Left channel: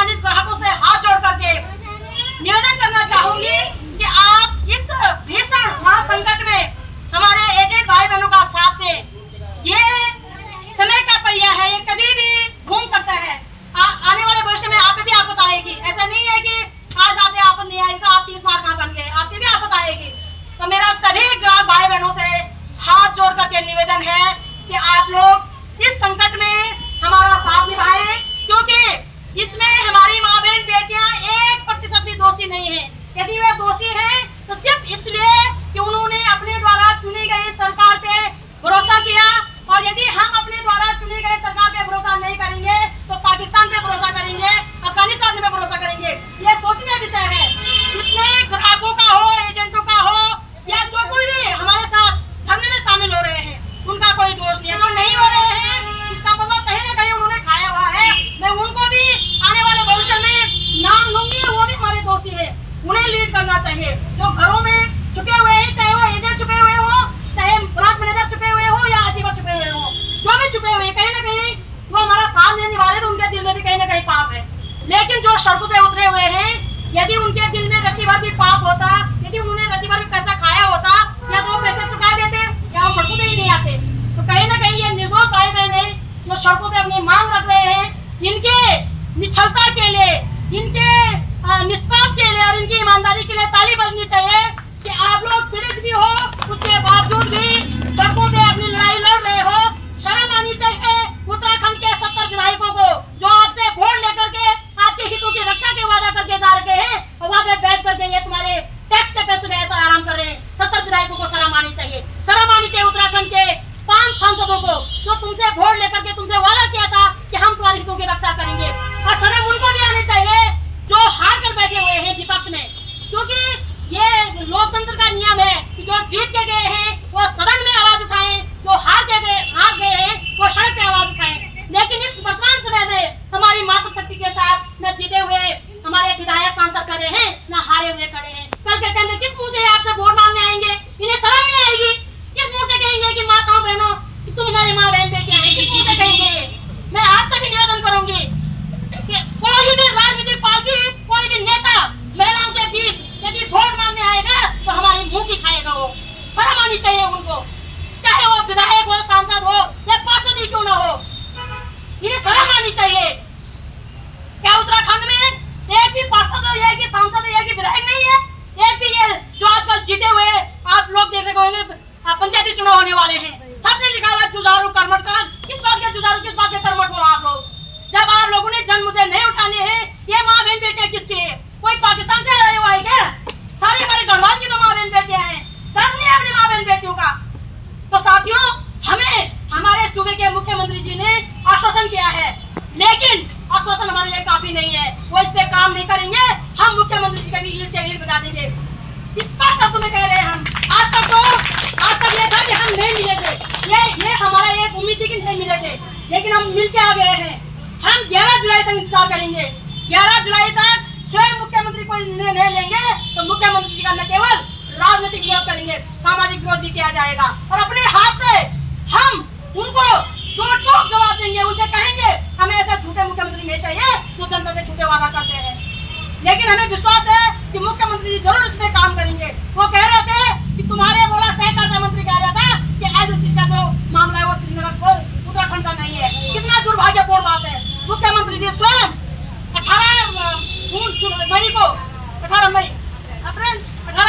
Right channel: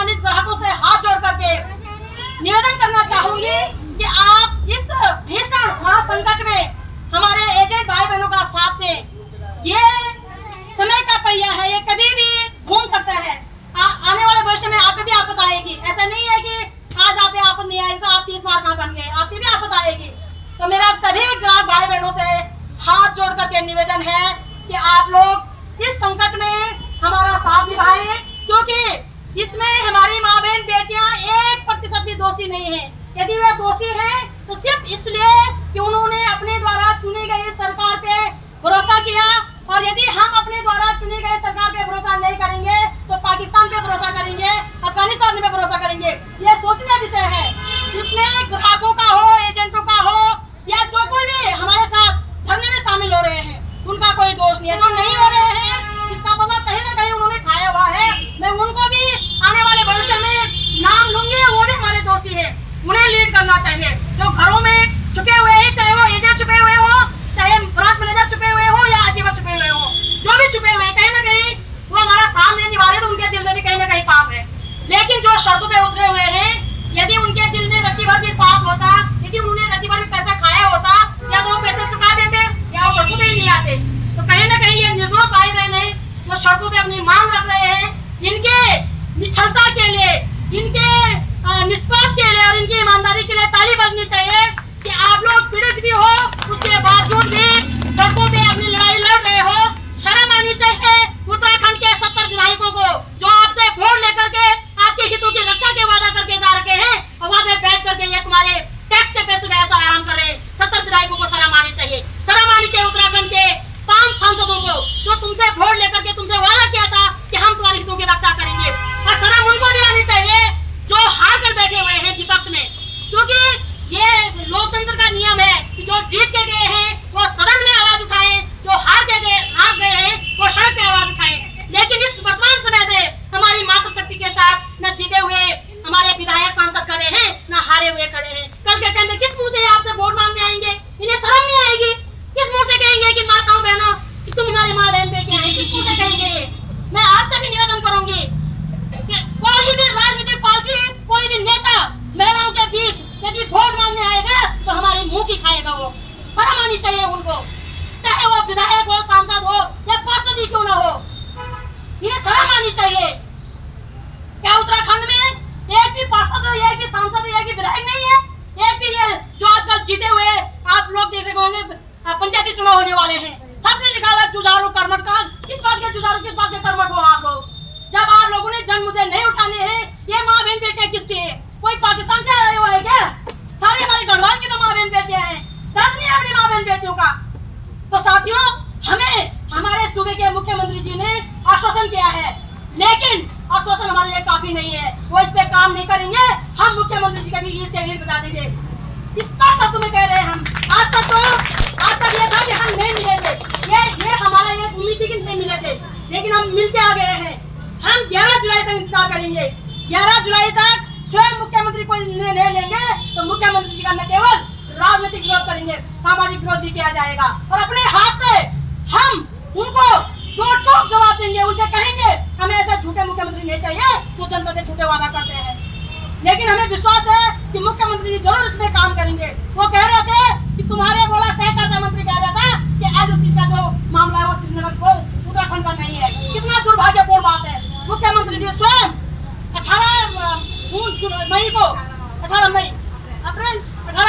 सम्मानित ग्राहकों से हाथ जोड़ करके निवेदन करना चाहूंगी कि आप इस भीषण महासंकट में हमारे एजेंट भाई बहनों का साथ दें। ये समय का पहिया है, ये कभी भी घूम सकता है। आने वाले भविष्य में आप भी आपत आएगी। ऐसा नहीं है कि आज आप आपत नहीं आएगी तो आप 30 मार्क कहाँ बन गए, आपकी भी आपत आएगी। तो मेरा सभी ग्राहक भाई बहनों से हाथ जोड़ करके निवेदन है कि आप लोग इस संकट में हमारा साथ निभाएं, क्योंकि इसमें हमारी माँ बहन बेटियां 1% भी दोषी नहीं है। यदि वे दोषी हैं तो सिर्फ इसलिए कि उन्होंने अपने द्वारा चुनी गई सरकार पे भरोसा किया, और यदि हम अपने द्वारा चुनी गई सरकार पे भरोसा नहीं करेंगे तो पाकिस्तान पे भरोसा करेंगे, अफगानिस्तान पे भरोसा करेंगे। ये सोचने विषय है। इसमें ग्राहकों का हो, एजेंटों का हो, या जो कोई भी हमारे साथ धरने में शामिल हो रहे हैं, उनका कोई दोष नहीं है। जो नहीं हो रहे हैं इसका मतलब कहीं ना कहीं उन्होंने खाया हुआ है। मैं उनको भी आने वाले भविष्य में नाम लूंगी, वो भी हमारे दोषी है, उन्हें लीड करना चाहिए। जो घरों में छुपे हुए हैं, चाहे वो एजेंट छुपे हुए हो, चाहे ब्रांच मैनेजर छुपे हुए हो, या आजीवर छुपे हुए हो, जो भी छुपे हुए हैं, कहीं ना कहीं वो हमारा साथ नहीं निभा रहे तो उनके दिल में भी कहीं ना कहीं पाप है। लेकिन जो सड़कों पे उतरे हुए हैं, यदि उनके दिल में रत्ती भर भी पाप होता, यदि उन्होंने रत्ती भर भी पैसा खाया होता, या तो वो पैसे चुका देते या वो सड़कों पे ही नहीं आते। तो कहीं ना कहीं ये निर्दोष भाई बहन है जो सड़कों पे अपनी मांग रख रहे हैं, इनके निश्चलता के लिए, इनके निष्पाप के लिए और इनकी ईमानदारी के लिए ताली बजनी चाहिए कि आप लोग पीड़ित भी हो, उसके बावजूद भी सड़कों पे अपनी लड़ाई लड़ रहे हो। शर्म आनी चाहिए उत्तराखंड के 70 विधायकों को, जो आपसे वोट लेकर के आपके हितों की रक्षा के वादा करके जा रखे हैं, और वहाँ पे बैठ करके ये तुम्हारे टैक्स के पैसे में ऐसा आराम कर रहे हैं। 70 विधायकों को शर्म आनी चाहिए। शर्म आनी चाहिए उत्तराखंड के 5 सांसदों को, जो तुमसे वोट लेकर के तुमसे वादा किया था कि हम तुम्हारे हितों की रक्षा करेंगे। और शर्म उनको भी आनी चाहिए जो हार कर बैठे हुए हैं विपक्ष में, क्योंकि ये लोकतंत्र का नियम है कि जो जीत के गए हैं वो सदन में आवाज उठाएं, जो हार गए हैं वो सड़क पे आवाज उठाएं। लेकिन इस वर्तमान समय में हमारी मातृशक्ति के साथ न जीते हुए हमारे विधायक सांसद खड़े हैं, न हारे हुए खड़े हैं। कल के टाइम में किस मुंह से आपसे वोट मांगने आएंगे? इन्हें शर्म नहीं आएगी? किस मुंह से कहेंगे कि माताओं बहनों कि तुम हमारी माँ बहन बेटियां हैं? किस मुंह से कहेंगे? मैं आपसे भी निवेदन करूंगी कि कोई भी राजनीतिक पार्टी, कोई भी नेता महिलाओं के बीच यदि वोट मांगने आएगा तो हमारे मुंह की खाएगा। वो शर्म आनी चाहिए उनको, चाहे वो विधायक हो, सांसद हो या पार्षद ही क्यों न हो, ये शर्म आनी चाहिए। क्या उत्तराखंड में एक भी पार्षद, एक भी सांसद, एक भी विधायक नहीं है? एक भी ये जो आजकल जीते हुए आप लोग देख रहे होंगे पंचायती चुनाव होने वाले हैं, सबने लिखा हुआ जुझारू कर्मठ का। किस बात के जुझारू, किस बात के कर्मठ हो आप लोग? जब आप लोगों ने जन मुद्दे नहीं उठाने हैं, ये माँ बहन बेटियां किसकी है? कोई पाकिस्तान से आए हुआ है क्या? सारी हमारी गढ़वाल की तो माँ बहन बेटियां हैं। दर्द नहीं है अपनी माँ बहन बेटियों का? तो साथियों, हमें हमारे सूबे के मुख्यमंत्री जी ने आश्वासन किया है, लेकिन आश्वासन हमारे लिए काफी नहीं है। वो इस पे काम नहीं करेंगे, हम मुख्यमंत्री जी का भी ईंट से ईंट बजा देंगे। इस बात का तुम्हें कह रहे हैं हम। आज तक ये था कि हम नहीं मिले थे, ये हमारा एक उम्मीद थी कि नहीं मिले थे, लेकिन हम मिलके आ गए हैं। हम 11 जुलाई तक इंतजार करेंगे। 11 जुलाई तक स्वयं मुख्यमंत्री कोई निर्णय नहीं लेंगे तो मुख्यमंत्री जी का न केवल राजनीतिक विरोध करेंगे, सामाजिक विरोध भी किया जाएगा, और अपने हाथ से हम उनको दो टोक जवाब देंगे। उनसे कहेंगे हमें ऐसा झूठे मुख्यमंत्री नहीं चाहिए जो जनता से झूठे वादा करते हैं। लेकिन हमें विश्वास है कि मुख्यमंत्री जी जरूर इसमें काम करेंगे। वो कह रहे थे कि तुम्हारे बोला सहकारिता मंत्री कह रहा था कि LOC का जो मामला है वो श्रीनगर को उत्तराखंड का नहीं है। कितना दुर्भाग्यपूर्ण बात है। मुख्यमंत्री जी स्वयं 18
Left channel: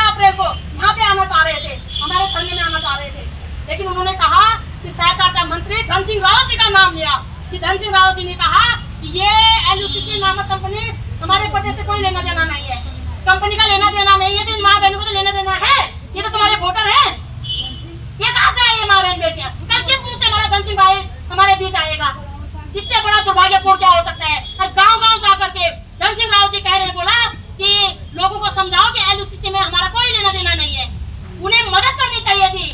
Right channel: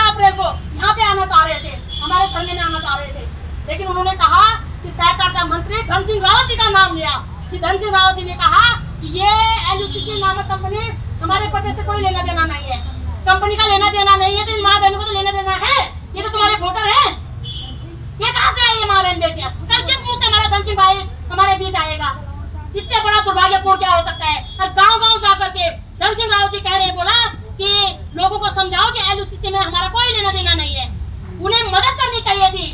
अप्रैल को यहाँ पे आना चाह रहे थे, हमारे धरने में आना चाह रहे थे, लेकिन उन्होंने कहा कि सहकारिता मंत्री धन सिंह रावत जी का नाम लिया कि धन सिंह रावत जी ने कहा कि ये LOC नामक कंपनी हमारे प्रदेश से कोई लेना देना नहीं है, कंपनी का लेना देना नहीं है, तो इन माँ बहनों को तो लेना देना है। ये तो तुम्हारे वोटर हैं, ये कहाँ से आई है माँ बहन बेटियां? कल किस मुँह से हमारा धन सिंह भाई हमारे बीच आएगा? इससे बड़ा दुर्भाग्यपूर्ण क्या हो सकता है? और गांव-गांव जाकर के धन सिंह रावत जी कह रहे, बोला कि लोगों को समझाओ कि LOC में हमारा कोई लेना देना नहीं है। उन्हें मदद करनी चाहिए थी।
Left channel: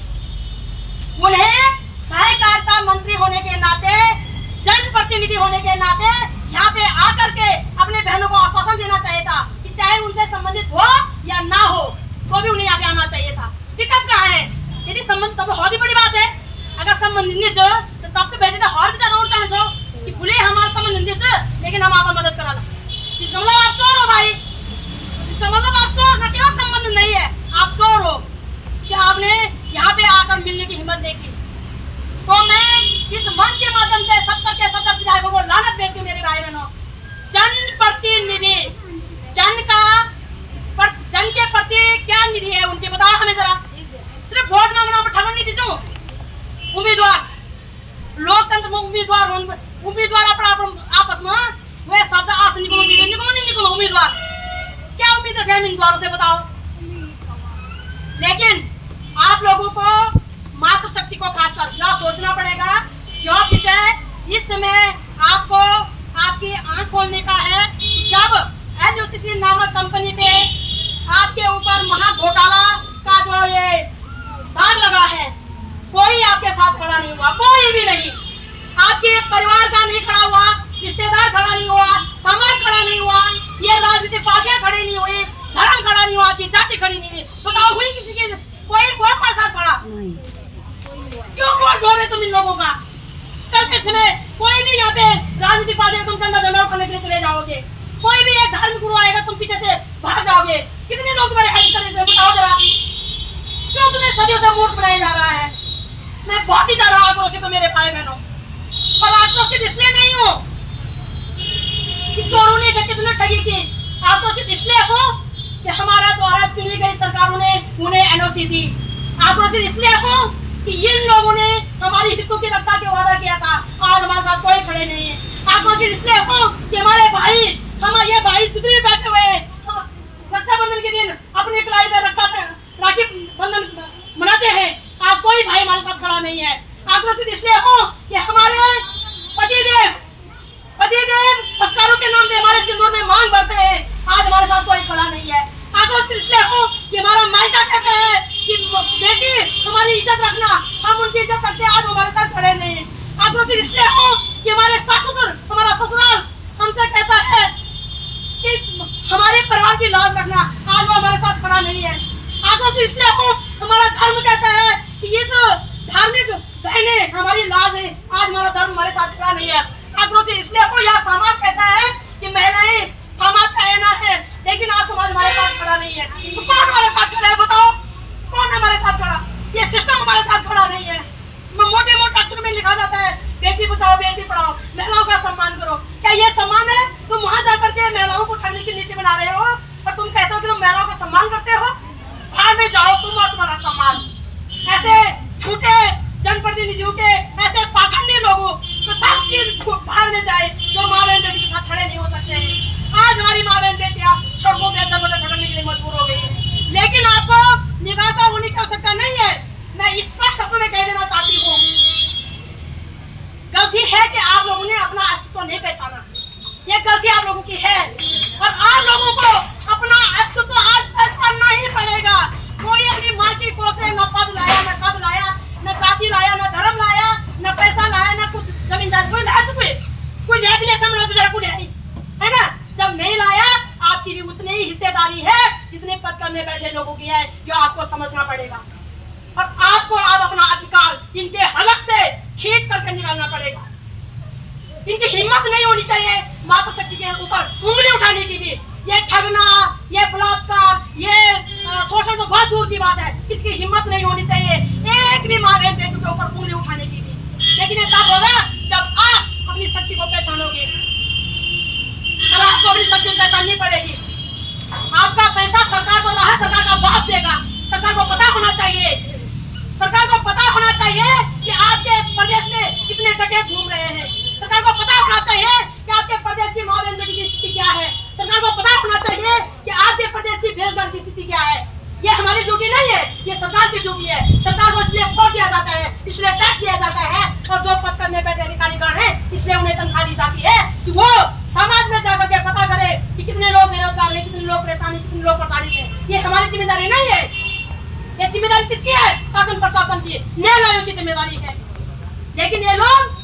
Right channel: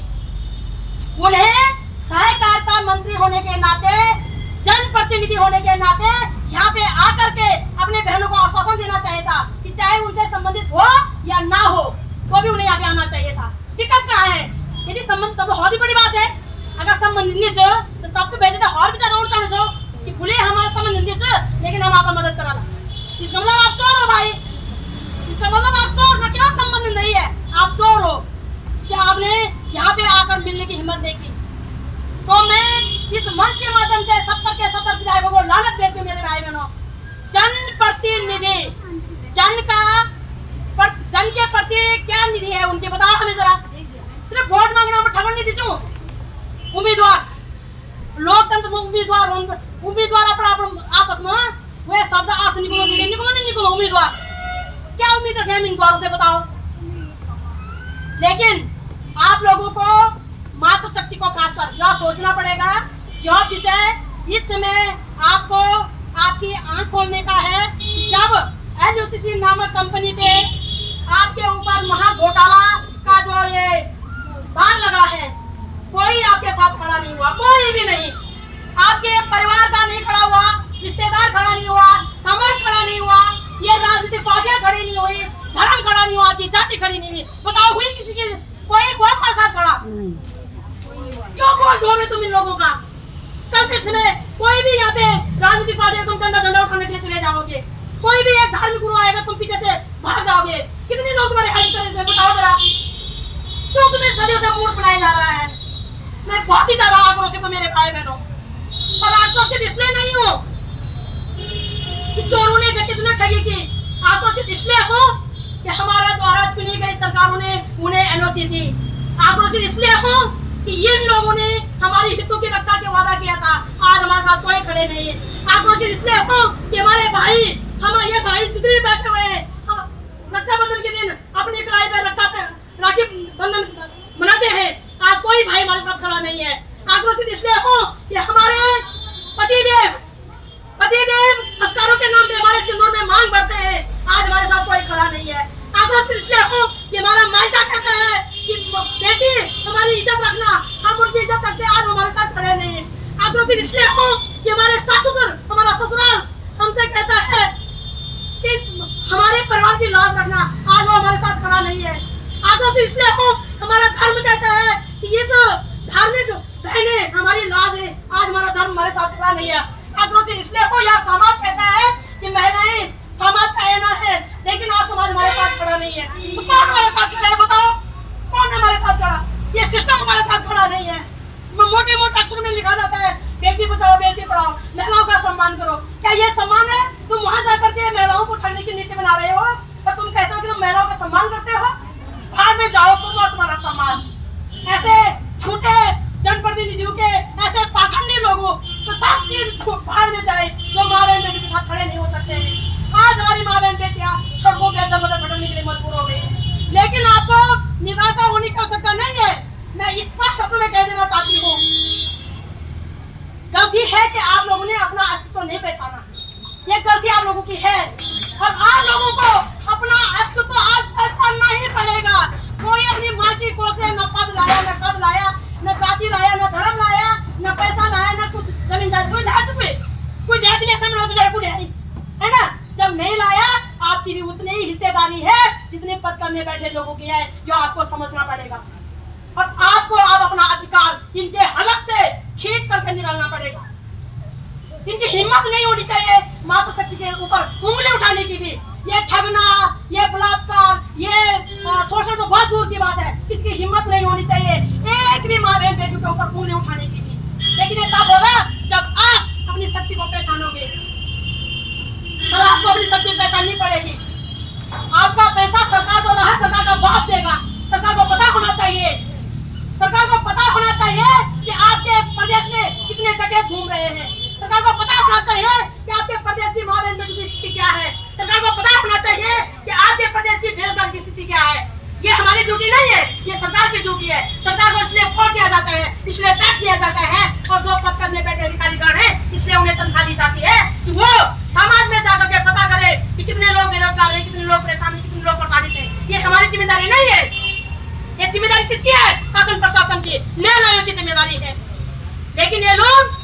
उन्हें सहकारिता मंत्री होने के नाते, जनप्रतिनिधि होने के नाते यहाँ पे आकर के अपने बहनों को आश्वासन देना चाहिए था कि चाहे उनसे संबंधित हो या ना हो तो भी उन्हें यहाँ पे आना चाहिए था। दिक्कत कहाँ है? यदि संबंधित तब तो बहुत ही बड़ी बात है। अगर संबंधित तो तब तो भेजे थे और भी ज्यादा उल्टा कि बोले हमारा संबंधित लेकिन हम आपका मदद करा था। इसका मतलब आप चोर हो भाई, इसका मतलब आप चोर का क्या संबंध नहीं है, आप चोर हो कि आपने यहाँ पे आकर मिलने की हिम्मत नहीं की। तो मैं इस मंच के माध्यम से 70 के 70 विधायकों को लानत देती हूँ मेरे भाई बहनों। जनप्रतिनिधि, जन के प्रति क्या निधि है उनकी, बताओ हमें जरा। सिर्फ वोट मांगना ठगन नहीं दीजिए। उम्मीदवार, लोकतंत्र में उम्मीदवार अपना आपस में वे शब्द आप निकलो उम्मीदवार, क्या उम्मीद रखे हम उम्मीदवारों से, बताओ। लेकिन आप लोगों को मातृशक्ति को खासकर यह सोचना पड़ेगा क्यों विषय इस समय आपको आपकी आंख खोलने का है। जब LUCC नामक कंपनी पे आपके ऊपर महा घोटाला का जो ये बार लगा है, कोई आपके साथ खड़ा नहीं हुआ, कोई भी नहीं। आपके परिवार का नहीं खड़ा हुआ, रिश्तेदार खड़ा नहीं हुआ, समाज खड़ा नहीं हुआ, ये राजनीतिक पार्टियां खड़ी नहीं हुई, धर्म खड़ा नहीं हुआ, आपकी जाति खड़ी नहीं हुई। बताओ हुई किसी की कोई बहुत का साथ खड़ा नहीं। क्यों वोट दो रहे तुम इन लोगों का? कल के समय कोई भी यहाँ पे राजनीतिक पार्टी तुम झंडा उठाने के लिए चले जाओगे, कोई भी एक धार्मिक गुरु आएगा तुम पीछे से भाग जाओगे। कितने लोग तुम्हारे हेल्प करेंगे बताओ जरा। क्यों तुम्हें सदियों से वोट बनाया जा रहा है? मैं बहुत ही ज्यादा आक्रोशित हूँ मेरे भाई बहनों, पर आक्रोशित इसलिए नहीं हूँ कि चोरों ने डकैतों ने ठगी की, आक्रोशित इसलिए हूँ कि हमारा द्वारा चुनी गई सरकारों ने उन्हें NOC दी। आक्रोशित इसलिए हूँ कि इन लोगों ने हमारी हितों की रक्षा के वादा किया था, आज हमारे साथ कोई खड़े नहीं है। आक्रोशित इसलिए हूँ कि हमारे भाई, ये भाई जितने भी बैठे हुए हैं, रक्षाबंधन के दिन अपनी कलाई पे राखी बंधन मनाते हैं, आज कोई भाई हमारे साथ खड़ा नहीं है। आक्रोशित इसलिए हूँ कि हमारे पतिदेव संस्कारों के नाम पे हमारे सिंदूर में मांग भरते हैं, आज हमारे साथ कोई खड़ा नहीं है। आक्रोशित इसलिए हूँ कि हमारा मायका कहता है कि बेटी हमारी इज्जत रखना, हम उनकी इज्जत करते हैं, आज हमारे साथ खड़े नहीं। आक्रोशित इसलिए हूँ कि हमारे ससुर, हमारा ससुराल हमसे कहता है कि हमारे परिवार की लाज रखना, आज वो हमारे साथ खड़ा नहीं है। आक्रोशित इसलिए हूँ हमारा धर्म कहता है कि इस धार्मिक बहने हमारी लाज है, आज हमारा धर्म हमारे साथ खड़ा नहीं है। आक्रोशित इसलिए हूँ यह समाज कहता है कि महिलाएं समाज का आईना है, लेकिन आज समाज हमारे साथ खड़ा नहीं है। तो कौन हमारे साथ खड़ा है बताओ, कौन हमारे साथ खड़ा? ये सिस्टम हमारे साथ खड़ा नहीं है। मोटे मोटे अक्षर में लिखा जाता है बेटी बचाओ बेटी पढ़ाओ, महिलाओं का सम्मान करो। क्या ये सम्मान है? तुम वहां जाकर के महिलाओं को ठगने की नीति बना रहे हो और तुम कहते हो कि तुम महिलाओं का सम्मान करते हो? बाहर में जाओ तुम और तुम्हारा सम्मान। ऐसे झूठे जनप्रतिनिधियों के, ऐसे पाखंडी लोगों तो सब चीज बाहर में जाए जो माँ बहन बेटी के साथ खड़े नहीं हो सकते। आज हमारी माँ बहन बेटियां सड़कों पे दर भटकने के लिए मजबूर हो गई है, लेकिन आपको निराशा होने की आवश्यकता नहीं है। मैं स्पष्ट शब्दों में कह देना चाहती हूँ, गलती है कि आप लोगों ने अपना अस्तित्व नहीं पहचाना, ये गलती आप लोगों की है और आप लोगों को अपना अस्तित्व आज पहचानना ही पड़ेगा। कोई अपनी माँ की कोख से न पद लाया, न कद लाया, न जाति लाया, न धर्म लाया, न पैसा लाया, न कुछ जमीन जायदाद कोई लाया, कोई जाति में ऐसा तो जरा कुछ है ना। जब नहीं लाया आपकी भी उतनी ही हिस्सेदारी है जितने पद करने बैठे लोगों की है, जो आपको समझना पड़ेगा और आपको आप अपना अधिकार इनके हलक से खींच करके निकालना पड़ेगा। इनकी हिम्मत नहीं होनी चाहिए मातृशक्ति के ऊपर उंगली उठाने की भी। ये ठगना, ये बलात्कार, ये शोषण तो बहुत दूर की बात है, इसकी हिम्मत नहीं होनी चाहिए एक भी माँ बहन बेटियों के ऊपर उंगली उठाने की भी। लेकिन ये तब होगा जब आप अपनी शक्ति को पहचानोगे, तो आपको अपनी शक्ति पहचाननी पड़ेगी। आपका पैसा सरकार को रहा, सरकार का बाप देगा। सरकार को पता होना चाहिए, सरकार को पता होना चाहिए कि आपके प्रदेश में कितने डकैत घूम रहे हैं। सरकार को पता होना चाहिए कि आपके प्रदेश की माँ बहन बेटी की स्थिति क्या है। सरकार को पता होना चाहिए कि आपके प्रदेश की बेरोजगार की स्थिति क्या है। ये हमारी ड्यूटी नहीं है, ये सरकार की ड्यूटी है। सरकार को इसलिए वोट दिया जाता है, इसलिए टैक्स दिया जाता है और जो पद करने बैठे अधिकारीगण है इसलिए उन्हें तनख्वाह दी जाती है कि वो समाज में जाकर के पता करे कि कितने लोग बेरोजगार है, कितने लोग परेशानी, कितने लोग प्रताड़ित है। ये हमारी जिम्मेदारी नहीं है, ये जिम्मेदारी किसकी है? शासन प्रशासन की, न्याय आयोग की जिम्मेदारी है। लेकिन ये लोग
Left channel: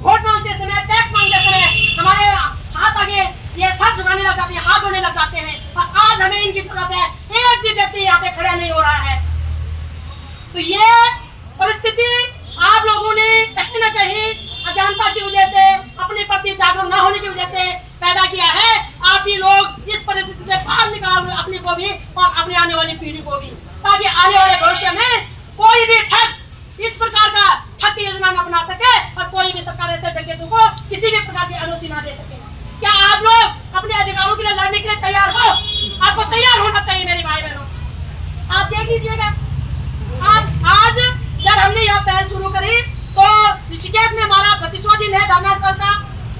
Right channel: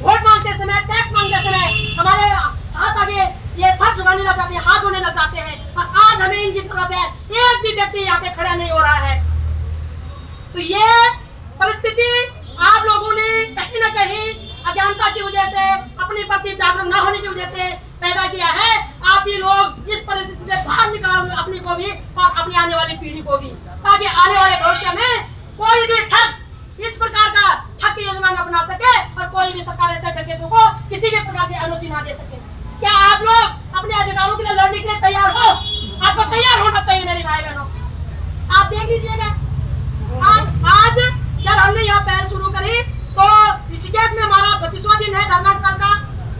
वोट मांगते समय, टैक्स मांगते समय हमारे हाथ आगे ये सर झुकाने लग जाते हैं, हाथ धोने लग जाते हैं और आज हमें इनकी जरूरत है। एक भी व्यक्ति यहाँ पे खड़ा नहीं हो रहा है। तो ये परिस्थिति आप लोगों ने कहीं न कहीं अज्ञानता की वजह से, अपने प्रति जागरूक न होने की वजह से पैदा किया है। आप ही को भी और अपनी आने वाली पीढ़ी को भी, ताकि आने वाले भविष्य में कोई भी ठग इस प्रकार का ठग की योजना न अपना सके और कोई भी सरकार ऐसे डकैतों को किसी भी प्रकार की एनओसी ना दे सके। क्या आप लोग अपने अधिकारों के लिए लड़ने के लिए तैयार हो? आपको तैयार होना चाहिए मेरे भाई बहनों। आप देख लीजिएगा, आज जब हमने यह पहल शुरू करी तो ऋषिकेश में हमारा 32वां दिन है धर्मस्थल का,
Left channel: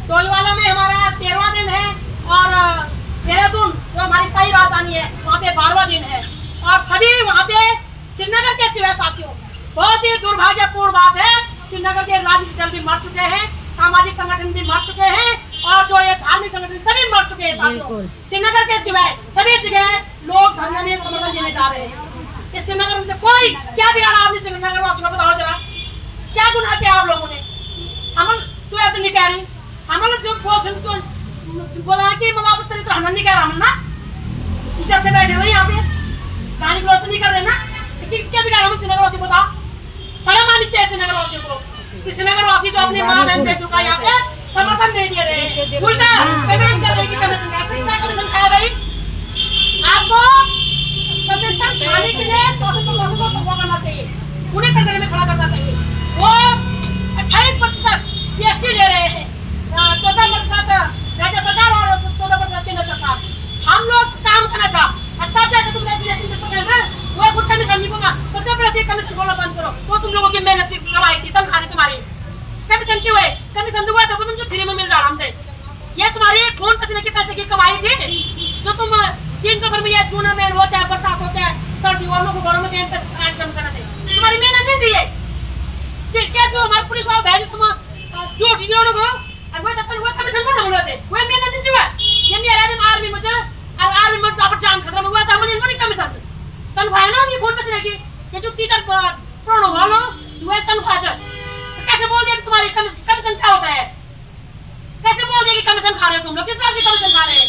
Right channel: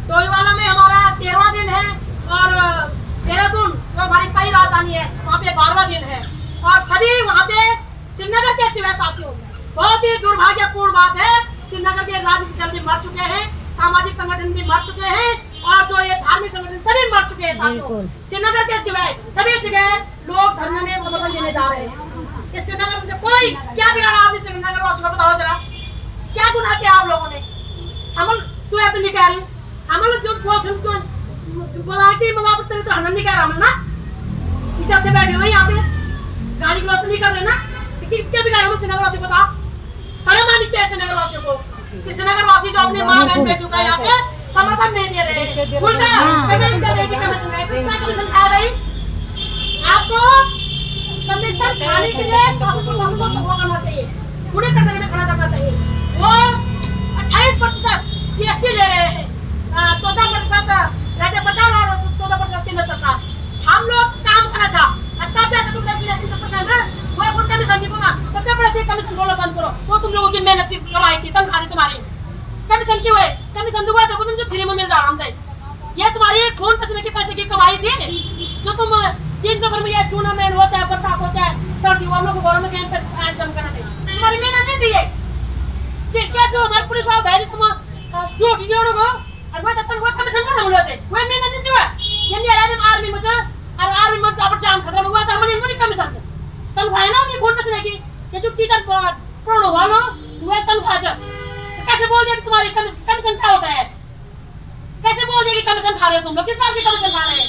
डोईवाला में हमारा 13वां दिन है और देहरादून जो हमारी स्थायी राजधानी है वहाँ पे 12वां दिन है। और सभी वहाँ पे श्रीनगर के सिवाय साथियों, बहुत ही दुर्भाग्यपूर्ण बात है, श्रीनगर के राजनीतिक दल भी मर चुके हैं, सामाजिक संगठन भी मर चुके हैं और जो ये धार्मिक संगठन सभी मर चुके हैं साथियों। श्रीनगर के सिवाय सभी जगह लोग धरने में समर्थन देने जा रहे हैं। इस श्रीनगर में कोई क्या बिगाड़ा आपने श्रीनगर वासियों को बताओ जरा, क्या गुनाह किया आप लोगों ने? हम जो है तो नहीं कह रही, हम जो बोला कि मतलब चरित्र हम नहीं कह रहा, हम ना इज्जत से बैठे हुए यहाँ पे गाली गलौज नहीं कर रहे ना, क्या बिगाड़ा हम श्रीनगर वासियों को? बता, शर्म आनी चाहिए श्रीनगर वासियों को। श्रीनगर वासी जो अपने माँ बहन बेटियों का यहाँ पे समर्थन नहीं दे रहे, उल्टा पेमेंट कर रहे कि कमीशन खाए भाई। आपको कमीशन खाने के लिए शासन को वो करना चाहिए, उन्हें कटघरे में खड़ा करना चाहिए। वो 28% जीएसटी ले रहे हैं, 14% राज्य सरकार और 14% केंद्र सरकार। हम लोग काम करना चाह तब जाकर तुम 3% वो खुद कमीशन नहीं होगा। सबसे बड़ा कमीशन बोलना बंद करो, वो तुम लोगों की मेहनत की कमाई थी, तनख्वाह तुम्हारी। कमीशन क्यों है? कमीशन दुआ तो तुम जो फ्री में मिल जा रहा है, ये तुम्हारी खून पसीने के पैसे की कमाई थी जो तुम दिन दोपहर में, या जून में हो चाहे बरसात हो चाहे सर्दी, वालों को घरों में जम करना थे, तुम्हारी मेहनत नहीं दी है। क्या जो हमारे पुलिस वाले भेजे तुम ड्यूटी दियो लोगो और वो तब वो कमीशन को ढूंढ लेते, वो मेहनत नहीं हुआ। ये मेरा आदमी आर्मी में और आर्मी में अब जान खतरा में हुआ था, हमने इनको कमीशन तनख्वाह ना उनकी खून पसीने की। ये जो टीचर प्रोनो वालो वो तनख्वाह कैसे बोल दिया कि तुम्हारी कमीशन क्या होता है? कैसे बोल दिया कि कमीशन खा रहे हो तुम लोग? किस बात की कमीशन खा रहे हैं?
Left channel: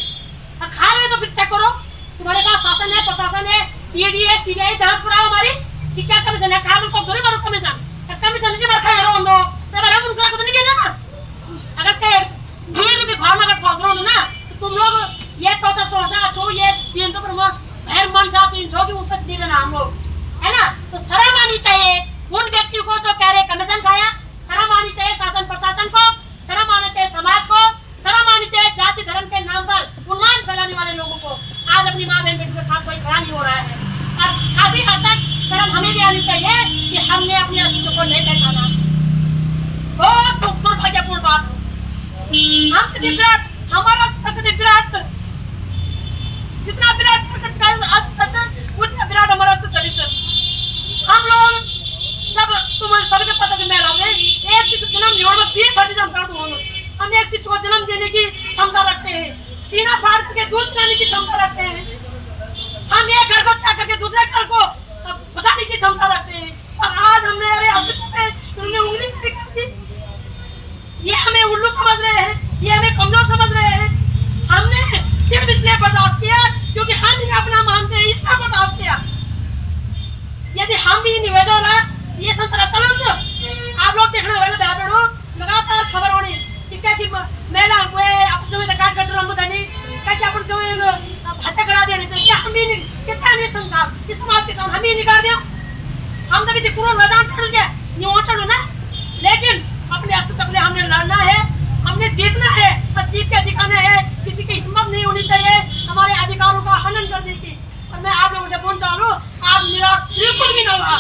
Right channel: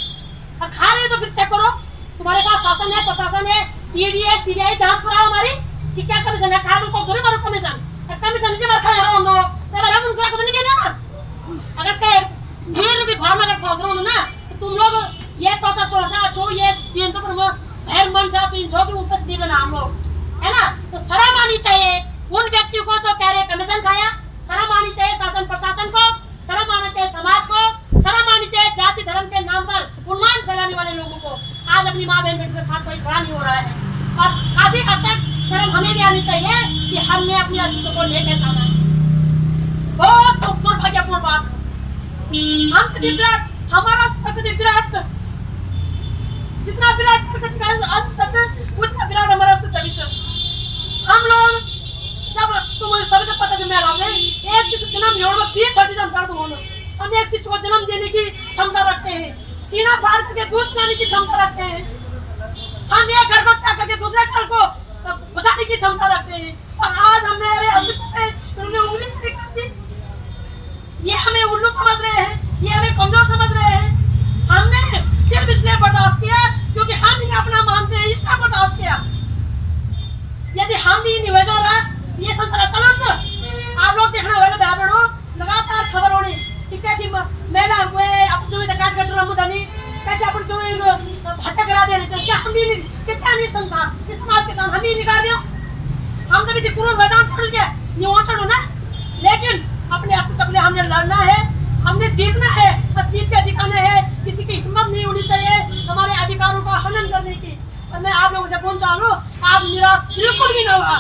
खा रहे हो तो फिर चेक करो, तुम्हारे पास शासन है, प्रशासन है, ईडी है, सीबीआई, जांच कराओ हमारी कि क्या कमीशन है। खा को दो मारो कमीशन, कमीशन नहीं मार खा रहो दो तो हम उनका को नहीं कहना। अगर कहे वीर भी घर में अगर पहुंच रहो ना तो तुम लोग ये टोटा सोचा छो, ये दिन तो पर भैर मन से आप इन छो कि ऊपर से दे देना हम लोग, है ना? तो शर्म आनी चाहिए उन व्यक्तियों को जो कह रहे कमीशन खाया, शर्म आनी चाहिए शासन प्रशासन को, शर्म आनी चाहिए समाज को, शर्म आनी चाहिए जाति धर्म के नाम पर उन्माद फैलाने वाले लोगों को। आज अपनी माँ बहन बेटी के साथ कोई खड़ा नहीं हो रहा है और काफी हद तक शर्म हमें भी आनी चाहिए कि हमने अपनी अस्तित्व को नहीं पहचाना। बहुत दुर्भाग्यपूर्ण बात। हम विराट, हमारा विराट, जितना विराट उतना विराट हमारा हम लोग जब तुम सभी को पता मैं एक शिशु जन्म जोड़ 20 हम एक शिशु को जन्म देने की क्षमता रखते हैं, सीना फाड़ के दूध पिलाने की क्षमता रखते हैं, हम एक घर को त्याग करके दूसरे घर को बसाने की क्षमता रखते हैं। और आज हमने अरे अस्तित्व पे उन्होंने उंगली नहीं कर दी। ये हमें उल्लू समझ रहे हैं, ये हमें कमजोर समझ रहे हैं। हमने सिर्फ इसलिए बर्दाश्त किया क्योंकि हम इन्हें अपना मानते हैं, इसका बर्दाश्त किया। यदि हम भी निवेदन है ये संसार चलो आप लोग देखना वाले बहनों लगातार खबर होनी कि क्या कि महिला हुए आप जो काट कट रमुदानी क्या कि आप जो हत्या करा देने तो क्या हम भी क्या नहीं संसार इस समाज के साथ हम ही निकाल दिया। हम तो भी पूरा मैदान छोड़ दिया नहीं छोड़ो ना, लेकिन अपने अस्तित्व के लिए हमने लड़ना है, हमने जीतना है और जीत के दिखाना है। किसी की हिम्मत नहीं होनी चाहिए हमारे अधिकारों का हनन करने की। और मैं आप लोगों से बोलना चाहूँ आप निराश बिल्कुल भी ना हुआ।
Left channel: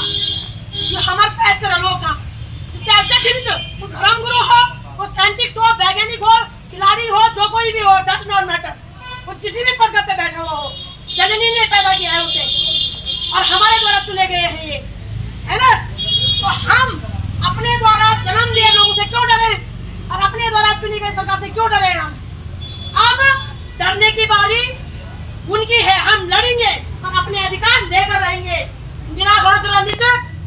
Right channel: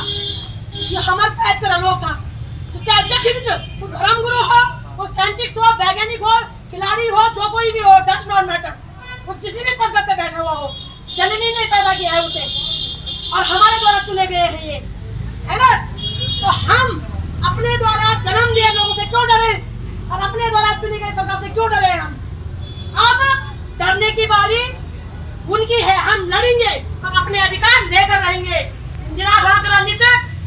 ये हमारे पैद कर लोग चाहे अध्यक्ष वो धर्मगुरु हो, वो साइंटिस्ट हो, वैज्ञानिक हो, खिलाड़ी हो, जो कोई भी हो, डज नॉट मैटर, वो किसी भी पद पे बैठा हुआ हो, जननी ने पैदा किया है उसे और हमारे द्वारा चुने गए हैं ये, है ना? तो हम अपने द्वारा जन्म दिए लोगों से क्यों डरे और अपने द्वारा चुनी गई सरकार से क्यों डरे? हम अब डरने की बारी उनकी है, हम लड़ेंगे और अपने अधिकार लेकर रहेंगे।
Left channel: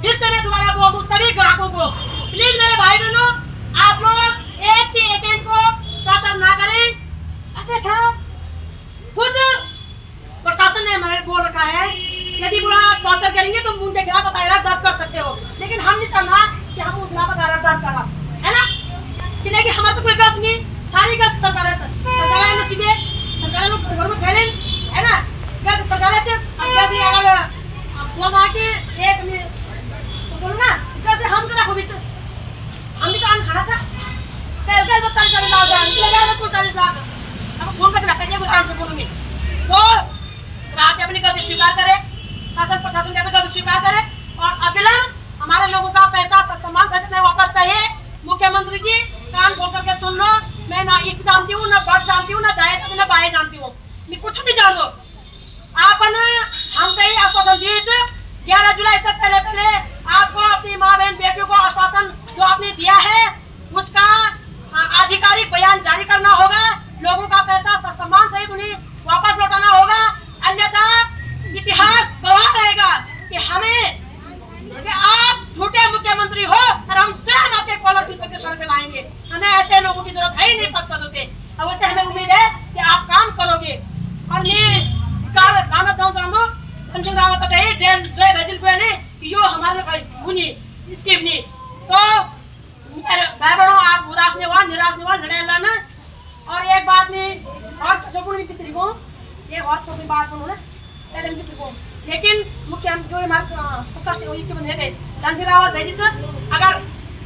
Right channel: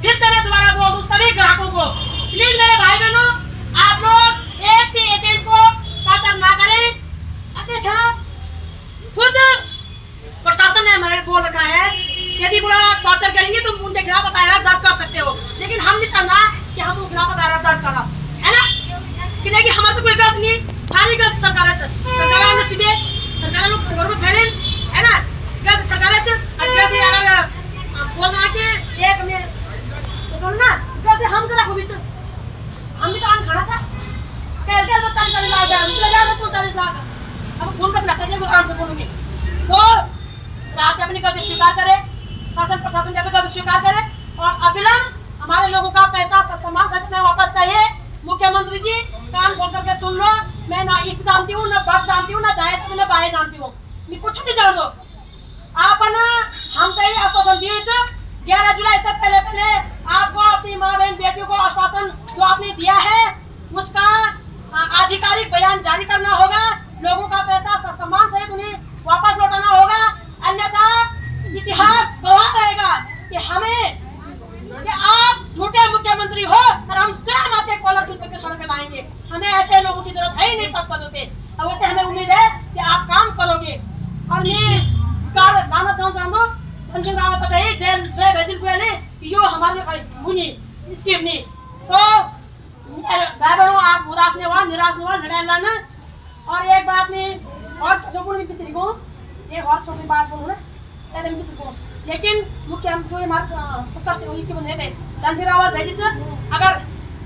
फिर से मैं दोबारा बोल दूं सभी ग्राहकों को, प्लीज मेरे भाई बहनों आप लोग एक भी एजेंट को टॉर्चर ना करें। अबे था खुद प्रशासन ने हमारे बोल रखा है यदि बुरा टॉर्चर करेंगे तो उनके खिलाफ दायरा दर्ज कर सकते हो, लेकिन हम नहीं चाहना कि हम उनके खिलाफ दायरा दर्ज करा, है ना? कि नहीं कि हमारे तो कोई गलत नहीं, सारी गलत सरकार है, सरकार ने सीधे सरकार लोग घर में फैले, है ना? गलत सरकार से एक उदाहरण से बोलूंगी। तो राज्य अपनी गलती स्वीकार करे, शासन प्रशासन की अपनी गलती स्वीकार करे और अविलंब हमारे लोगों का पैसा सम्मान सहित में वापस चाहिए। मुख्यमंत्री जी कान खोल करके सुन लो, मैं ना एक जानती हूँ, ना बट जानती हूँ, ना दाएं जानती हूँ, ना बाएं जानती हूँ, मैं कुछ भी जान दो। आप ना हम कई आश्वासन दिए 11 जुलाई से पहले आपको अपनी माँ बहन बेटियों को आश्वासन जो आपने दिया है उसका आधिकारिक बयान जारी करना होगा। लोगों का पैसा सम्मान सहित उन्हें वापस लौटाना होगा, अन्यथा इतिहास गवाह रहेगा कि आप झूठे मुख्यमंत्री हो और हम स्वयं आपके कॉलर खींच करके सड़क पे लाएंगे। हमें ऐसे लोगों की जरूरत है ही नहीं पद पदों पे। अब वैसे हमें उम्मीद है कि आप काम करोगे। और ये गाना जान दो धनसिंह रावत जय भैजिल गोयले कि यो हमारे भूनी स्कीम नहीं। तो भाई बहनों, आप उदास नहीं हुआ, निराश नहीं हुआ, लड़े लड़ना। और एक बात नहीं और छोटी पिछली को एक और छोटी बात बोलूँ ना, पहले पिछली को लेकिन मुख्य जो हमारे पुस्तक से के बंदे थे धनसिंह रावत भेजी अगर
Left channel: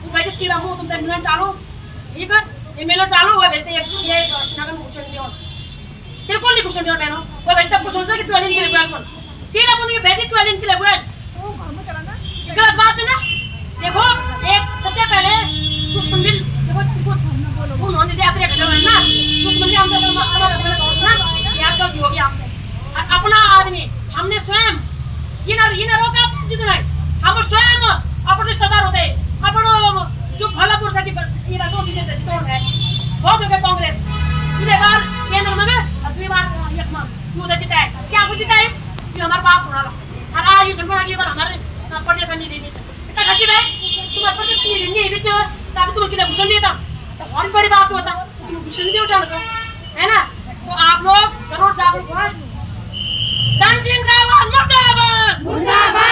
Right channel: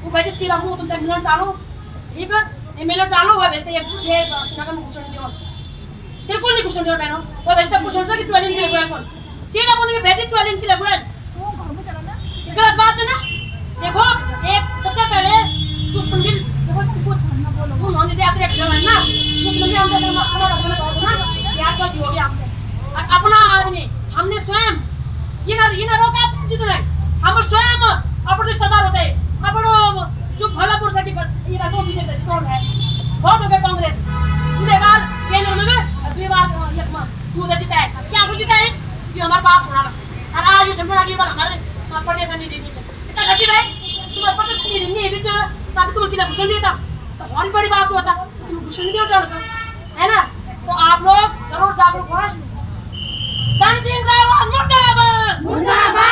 वो भेजी सीधा मुंह तुम मिलन चालू ठीक है, ये मिलन चालू वो भेजते ये श्रीनगर में घुसने दियो, बिल्कुल नहीं घुसने दियो बहनों। वो भेजते कुछ सोचा कि 12 दिन के लिए बोल सीधा बोल के भेजी 12 दिन के लिए बोल, ये गलत बात है ना। देखो एक सबसे पहले दुश्मन बिल देखो उन्होंने दिया अपने घर में ना दुश्मन भी हमसे क्षमा करने को ना यार गलती हो गई आपसे। अपना आदमी हमने स्वयं ये न रोका जित नहीं, हम स्वयं अपन रिश्तेदार होते अपन जो भलापुर से ये बात बीजेपी जितोड़ है बहुत हो गए कांग्रेस दूसरे बार केंद्र में अगली बार यकमा क्यों जीता है, क्या कुछ जीता है कि हमारे पास होना था और आज ये समझना कि बार हमारे प्रदेश नहीं देनी चाहिए। इतना खर्ची है तुम्हारे प्रदेश नहीं देनी है बीच ताकि तुम किला घुसन देता तो बहुत बड़ी बात होता, तुम घुसन नहीं उठाना है ना। तो आप लोग जरूर जागरूक हो। धनसिंह रावत मुर्दाबाद मुर्दाबाद।